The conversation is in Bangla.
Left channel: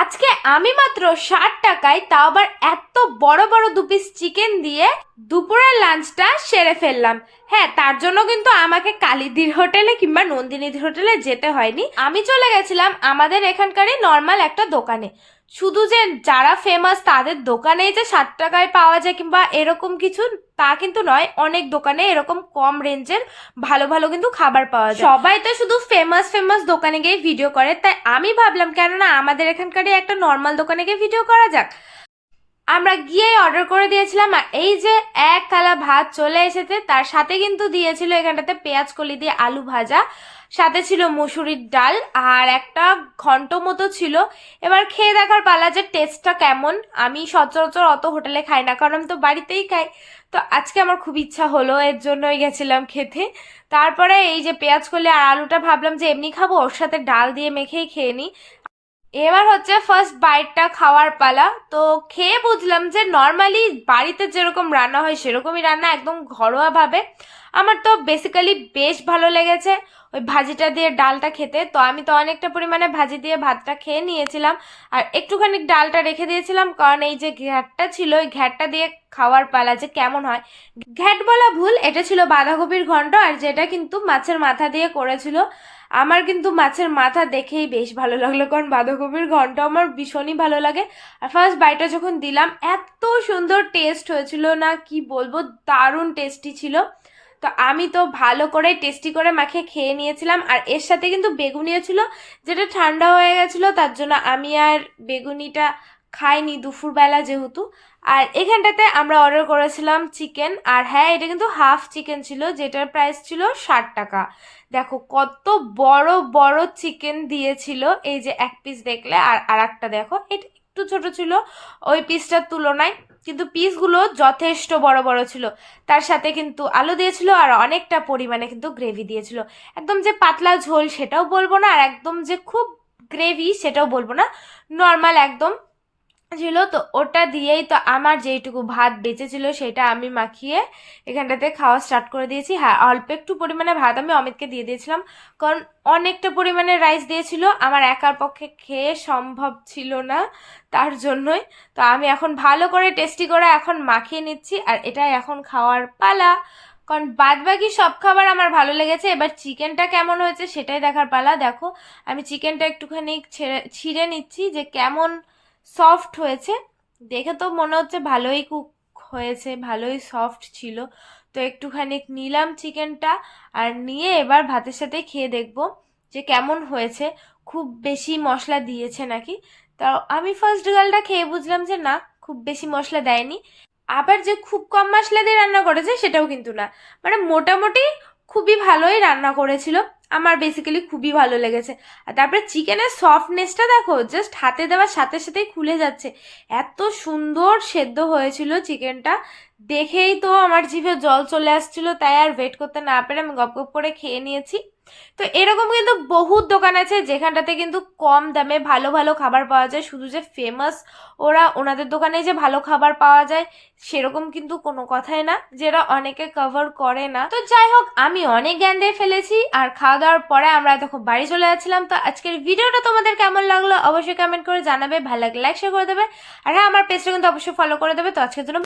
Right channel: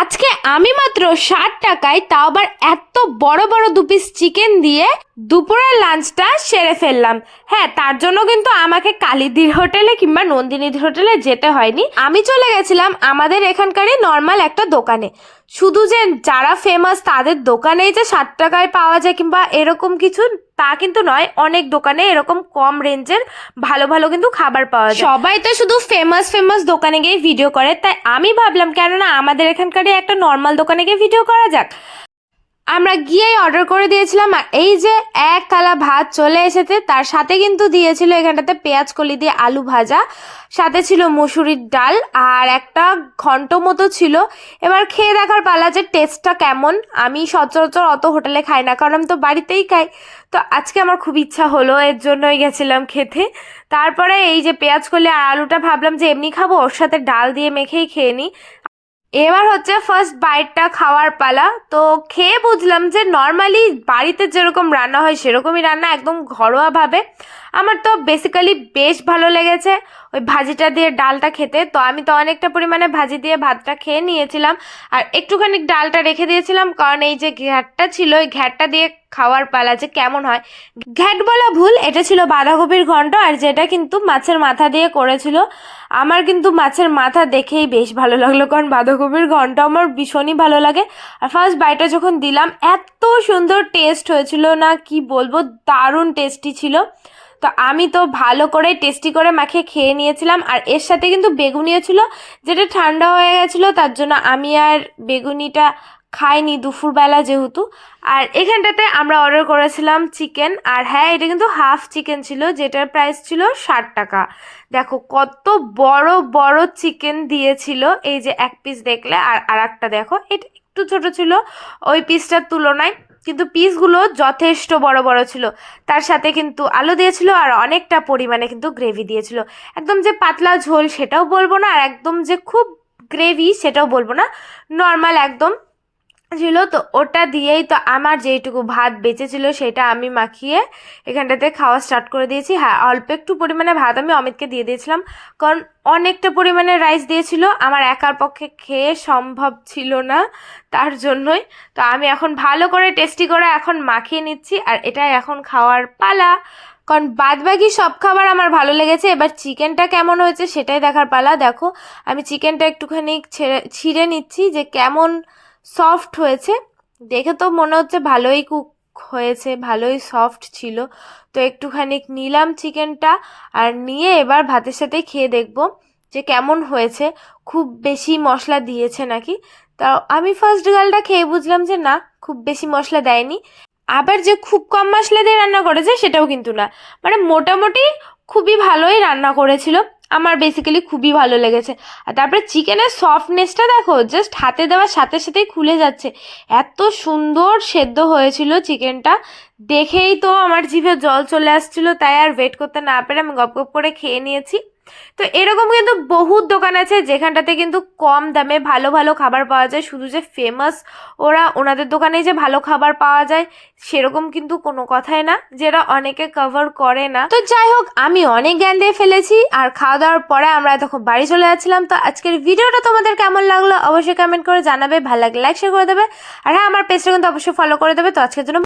আজকে আমি মাত্র ষাট টাকায় তাও আবার এত বড় বড় দু পিস চিকেন দিয়ে দুপুরের লাঞ্চটা সেরে ফেললাম। হ্যাঁ তার জন্য কিন্তু আমাকে কালীদির হোটেলে কিংবা নন্দিনীদির হোটেলে যেতে হয়নি। আমি চলে গেছিলাম আমাদের এখানকারই নর্মাল একটা দোকানে। শুধু যে যারা ফেমাস তাদের দোকানেই যে ষাট টাকায় পাওয়া যায় কিংবা এরকম কিছু, তা কিন্তু নয়। অনেক দোকানে এরকম কম রেঞ্জের ভালো ভালো কিন্তু খাবার পাওয়া যায়। সবাই তো শুধু ফেমাস ফেমাস দোকানে গিয়ে ভিডিও করে। তাই আমি ভাবলাম, কেননা আমাদের এখানকারই একটা নর্মাল দোকানে গিয়ে ভিডিও করা যাক। আমরা গিয়েই অর্ডার করে দিয়েছিলাম, আর এই যে এক থালা ভাত চলে এসেছে, তার সাথে কিন্তু দিয়েছিল এখানটাতে পেঁয়াজ কলি দিয়ে আলু ভাজা, সাথে ছিল মসুরির ডাল, আর একটা ঘন্ট মতো ছিল। এবার খেয়ে দেখার পালা যে টেস্টটা কেমন। আমি সচরাচর অত হোটেলে খাই না, কারণ আমি তো বাড়িতেই খাই। তো আজকে আমার খুব ইচ্ছা হলো, এর জন্যই গেছিলাম খেতে। তারপরে এই যে পেঁয়াজ কলি আর আলুটা ভাবলাম যে এমনি খাব, ওর সাথে ডাল দিয়ে মেখেই খেয়ে নিই। এবার হচ্ছে ফার্স্ট বাইটটা খাওয়ার পালা। তো খেয়ে বুঝলাম যে নর্মালি বাড়িতে যেরকম রান্না হয় সেরকমই রান্না একদম ঘরোয়াভাবে। আমার তো বেসিক্যালি বেশ ভালো লেগেছে। ওই ভাজিটা দিয়ে ডালটা খেতে। তো আমি তো অনেকটা পরিমাণে ভাজি দিয়ে ভাতটা খেয়ে নিয়েছিলাম। আর একটুখানি ডালটা রেখে দিয়েছিলাম, কারণ এই যে ঘ্যাটটা ছিল, ওই ঘ্যাটটা দিয়ে খাওয়ার পালা যে কেমন হয়। ঘ্যাট বলা ভুল, এটা ছিল বাঁধাকপির ঘন্ট, আর যেটা কিন্তু মাছের মাথা দিয়ে করেছিল। আমার কিন্তু মাছের মাথা দেখেই বেশ ভালো লাগল, কারণ বাঁধাকপির ঘন্ট আমার ভীষণই ভালো লাগে। আর ফার্স্ট বাইটা যখন দিলাম, এত সুন্দর টেস্ট হয়েছিল, না কি বলব, দারুণ টেস্টি ছিল। তো আমি তো ভালো করে টেস্টি করে মাখিয়ে খেয়ে নিয়েছিলাম, আর এর সাথে কিন্তু বেগুনিও ছিল। যেটা ঠান্ডা হয়ে গেছিল, তার জন্য আমি আর বেগুনিটা খাইনি দুপুরবেলা যেহেতু। আর এখানটাতে আমরা অর্ডার করেছিলাম চিকেন আর হ্যাঁ এটা কিন্তু হাফ চিকেন ছিল, যেটার প্রাইস ছিল ষাট টাকা। দেখো, কত বড় বড় চিকেন দিয়েছিল, এই যে এক পিস দেখলে, আর আর একটা দেখো, এটা একটু ছোট ছিল, ওই পিসটার তুলনায়। কিন্তু পিসগুলো যথেষ্ট বড় বড় ছিল। তার সাথে কিন্তু আলু দিয়েছিল আর অনেকটা পরিমাণে কিন্তু গ্রেভি দিয়েছিল। একদম যে পাতলা ঝোল সেটাও বলব না, আর একদম যে খুব গ্রেভি সেটাও বলব না। নর্মাল একদম ছিল, তো ওটা দিয়েই তো আমার যেইটুকু ভাত বেঁচেছিল সেটা আমি মাখিয়ে এখানটাতে খাওয়া স্টার্ট করে দিয়েছি। হ্যাঁ অল্প একটু পরিমাণে ভাত আমি অমিতকে দিয়ে দিয়েছিলাম, কারণ অনেকটা পরিমাণে রাইস দিয়েছিল। আমার একার পক্ষে খেয়ে সম্ভব ছিল না তার জন্যই। তো আমি এখন ভালো করে টেস্টি করে এখন মাখিয়ে নিচ্ছি আর এটাই এখন খাওয়ার পালা। কারণ বাদ বাকি সব খাবার আমার ভালো লেগেছে। এবার চিকেনটা কেমন হয়েছে সেটাই দেখার পালা। দেখো, আমি চিকেনটা একটুখানি ছেড়ে, ছিঁড়ে নিচ্ছি যে কেমন সফট হয়েছে। দেখে তো মনে হচ্ছে ভালোই কুক হয়েছে, ভালোই সফট ছিল। তো একটুখানি নিলাম চিকেনটা আর নিয়ে এবার ভাতের সাথে খেয়ে দেখব যে কেমন হয়েছে। খুব বেশি মশলা দিয়েছে নাকি? তা আমি ফার্স্ট গালটা খেয়ে বুঝলাম যে না, খুব বেশি মশলা দেয়নি। আবার যে খুব কম মশলা দিয়ে রান্না করেছে সেটাও কিন্তু না। মানে মোটামুটি খুবই ভালোই রান্না করেছিল। আমার বেসিক্যালি খুবই ভালো লেগেছে। আর তারপরে চিকেনের সফটনেসটা দেখো জাস্ট হাতে দেওয়ার সাথে সাথেই খুলে যাচ্ছে। এত সুন্দর সেদ্ধ হয়েছিল চিকেনটা দেখেই তো আমার জিভে জল চলে আসছিল, তাই আর ওয়েট করতে না পেরে আমি গপ গপ করে খেয়ে নিয়েছি। তো এরকম কিন্তু বহুত দোকান আছে যেখানটাতে কিন্তু কম দামে ভালো ভালো খাবার পাওয়া যায়। শুধু যে ফেমাস ওরা ওনাদের দোকানে যে ভালো খাবার পাওয়া যায় সেরকম কিন্তু কোনো কথাই না, যেটা অনেকে কভার করে না। তো যাই হোক, আমি অনেক জ্ঞান দিয়ে ফেলেছি আর খাওয়া দাওয়ার পরে আমরা তখন বাড়ি চলে যাচ্ছিলাম। তো আজকের ভিডিওটা তোমাদের কেমন লাগল অবশ্যই কমেন্ট করে জানাবে, ভালো লাগলে লাইক শেয়ার করে দেবে। আর হ্যাঁ আমার পেজটা কিন্তু অবশ্যই ফলো করে দেবে। তো আজকের জন্য